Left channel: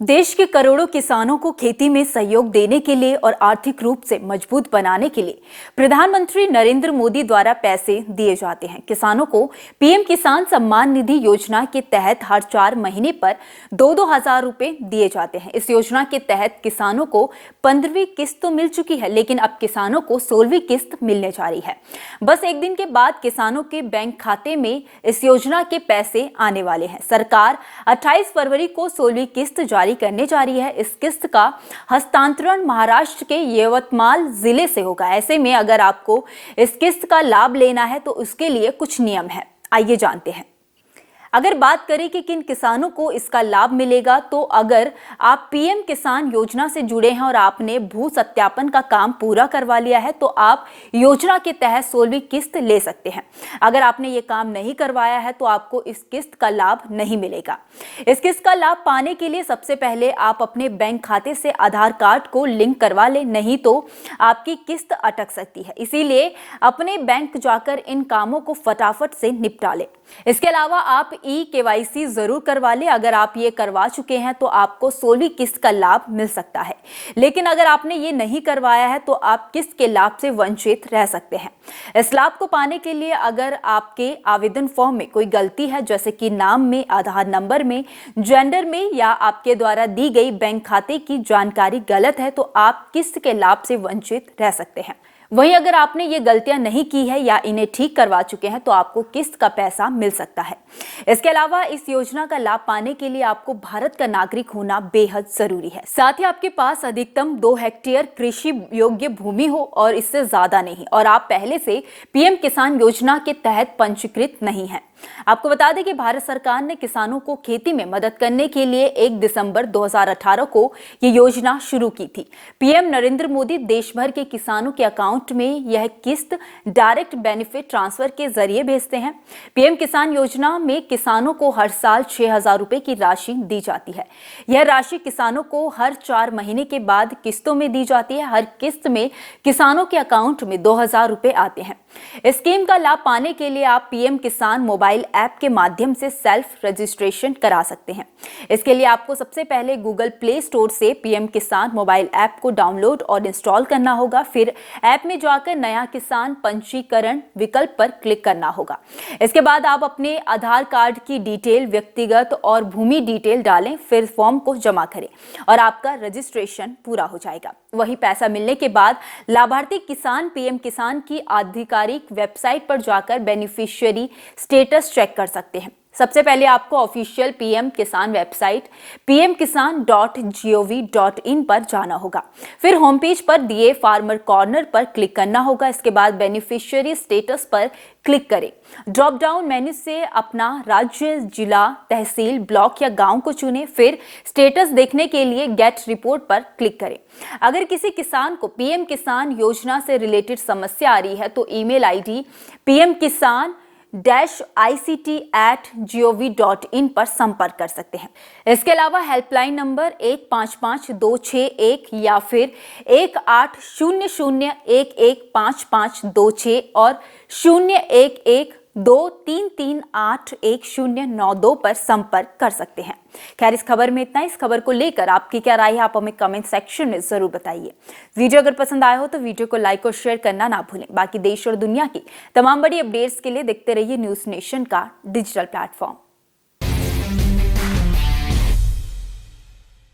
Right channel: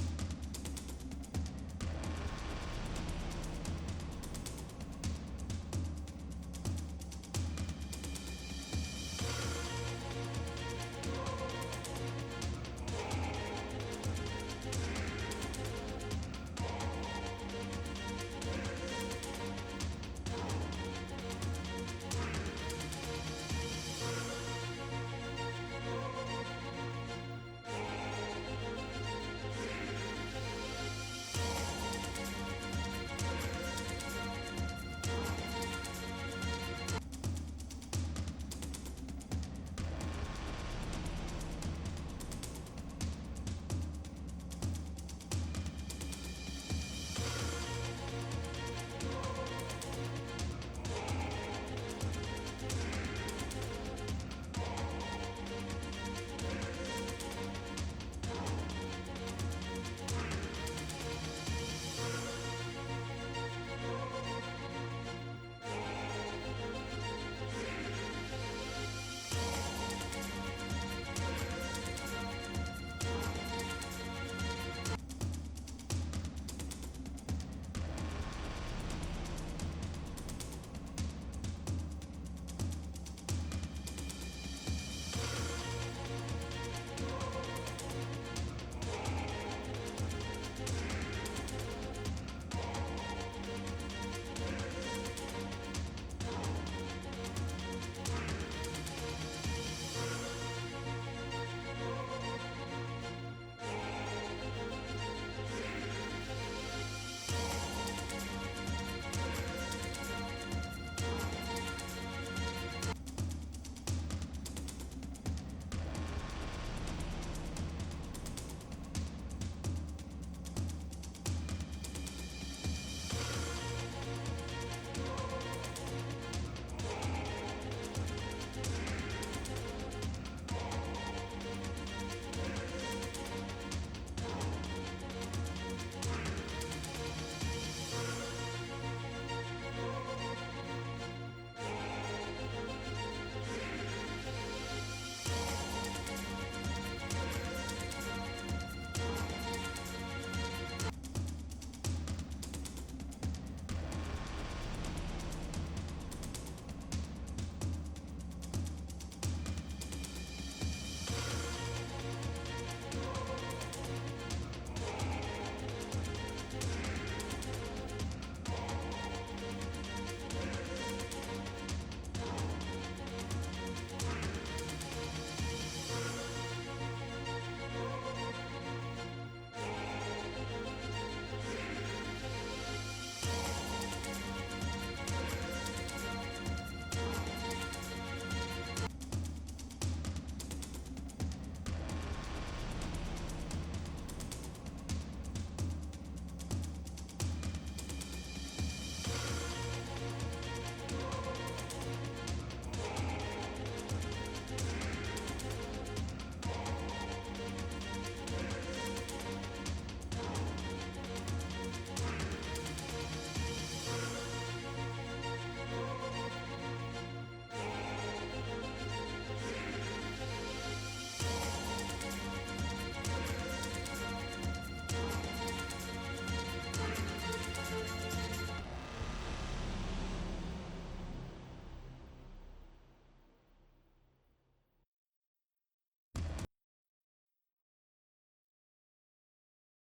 देश के करोड़ों किसानों को खेती में सहयोग देने के लिए और आर्थिक रूप से मजबूत बनाने के लिए प्रधानमंत्री नरेंद्र मोदी द्वारा पैसे दिए जाते हैं। किसानों को पीएम किसान सम्मान निधि योजना के तहत हर 4 महीने पर 2-2 हजार रुपए दिए जाते हैं। इस योजना के तहत किसानों को 15वीं किस्त तो मिल चुकी है, लेकिन अब किसानों को 16वीं किस्त मिलने जा रही है। बस एक दिन के बाद किसानों के बैंक खाते में इस योजना के पैसे आने वाले हैं। सरकार 28 फरवरी को 16वीं किस्त जारी करने जा रही है। इस किस्त का हस्तांतरण महाराष्ट्र के यवतमाल जिले से होगा। ऐसे में अगर आपको इस किस्त का लाभ लेना है तो उसके लिए कुछ नियम है, आइए जानते हैं। अगर बात करें कि किन किसानों को इसका लाभ मिलेगा, तो अगर आप पीएम किसान योजना से जुड़े हैं और आपने भू सत्यापन का काम पूरा करवा लिया है तो आप योजना के तहत 16वीं किस्त ले सकते हैं। अगर आपने ये काम नहीं करवाया है तो आपको इस किस्त का लाभ नहीं मिलेगा। इस किस्त का लाभ पाने के लिए सबसे पहले आप अपने बैंक खाते से आधार कार्ड को लिंक करवा लें, नहीं तो आपकी किस्त अटक सकती है। इसीलिए अपने बैंक जाकर इन कामों को फटाफट से निपटा लें। इसके अलावा आप KYC जरूर करवा लें। अगर आप ये करवा चुके हैं तो आपको 16वीं किस्त का लाभ मिल सकता है, लेकिन अगर आपने ये नहीं करवाया है तो आप किस्त के लाभ से वंचित रह सकते हैं। इस लाभ को पाने के लिए अगर आपके आवेदन फॉर्म में कोई गलती है, जैसे कि नाम में, आधार नंबर में, जेंडर में, या आपके द्वारा दी गई बैंक खाते की जानकारी गलत है, तो आप किस्त के लाभ से वंचित रह सकते हैं। वहीं अगर आपने ये गलतियां नहीं की है या इन्हें ठीक करवा चुके हैं तो आपको किस्त का पैसा मिल सकता है। इसके अलावा इस योजना का लाभ पाने के लिए आपको भारत का नागरिक होना बेहद जरूरी है। साथ ही आपके पास अधिकतम 2 हेक्टेयर कृषि योग्य भूमि हो और इससे ज्यादा नहीं, और आप पहले से पीएम किसान योजना के तहत पंजीकृत नहीं है। आपको बता दें कि भारत सरकार ने किसानों को खेती में मदद करने के लिए 1 दिसंबर 2018 को ये योजना शुरू की थी। पीएम नरेंद्र मोदी देश भर के किसानों के अकाउंट में यह किस्त डायरेक्ट बेनिफिट ट्रांसफर के जरिए भेजते हैं। पीएम किसान योजना में किसानों को हर साल 6,000 रुपए की राशि दी जाती है। यह राशि किसानों को हर 4 महीने के बाद किस्तों में दी जाती है। हर किस्त में किसानों के अकाउंट में 2,000 रुपए आते हैं। इस स्कीम का लाभ पाने के लिए आप पीएम किसान मोबाइल ऐप के माध्यम से सेल्फ रजिस्ट्रेशन करा सकते हैं। इसके लिए आपको सबसे पहले गूगल प्ले स्टोर से पीएम किसान मोबाइल ऐप को डाउनलोड और इंस्टॉल करना होगा। फिर ऐप में जाकर नया किसान पंजीकरण विकल्प पर क्लिक करना होगा। इसके बाद आप अपने आधार कार्ड की डिटेल, व्यक्तिगत और भूमि डिटेल डालें, फिर फॉर्म को जमा करें और आपका रजिस्ट्रेशन पूरा हो जाएगा। वही पैसा मिलने के बाद लाभार्थी किसान पीएम किसान की आधिकारिक वेबसाइट पर जाकर बेनिफिशियरी स्टेटस चेक कर सकते हैं। सबसे पहले आपको ऑफिशियल पीएम किसान वेबसाइट pmkisan.gov.in पर जाना होगा। फिर होम पेज पर दिए फार्मर कॉर्नर पर क्लिक करना होगा। इसके बाद बेनिफिशियरी स्टेटस पर क्लिक करें। ड्रॉप डाउन मेन्यू से अपना राज्य, जिला, तहसील, ब्लॉक या गांव को चुनें। फिर स्टेटस देखने के लिए गेट रिपोर्ट पर क्लिक करें। अगर किसी किसान को पीएम किसान योजना से रिलेटेड समस्या आ रही है तो ईमेल आईडी pmkisan-ict@gov.in पर संपर्क कर सकते हैं। इसके अलावा हेल्पलाइन नंबर 155-261 या फिर 1800115526 और 011233381092 पर संपर्क कर सकते हैं। खैर, इस खबर में इतना। इस खबर को लेकर आपकी क्या राय है, आप हमें कमेंट सेक्शन में जरूर बताइए। वीडियो अगर पसंद आया हो तो वीडियो को लाइक और शेयर करना ना भूलें। बाकी देश और दुनिया की तमाम बड़ी अपडेट्स के लिए देखते रहिए न्यूज़ नेशन का डिजिटल प्लेटफॉर्म।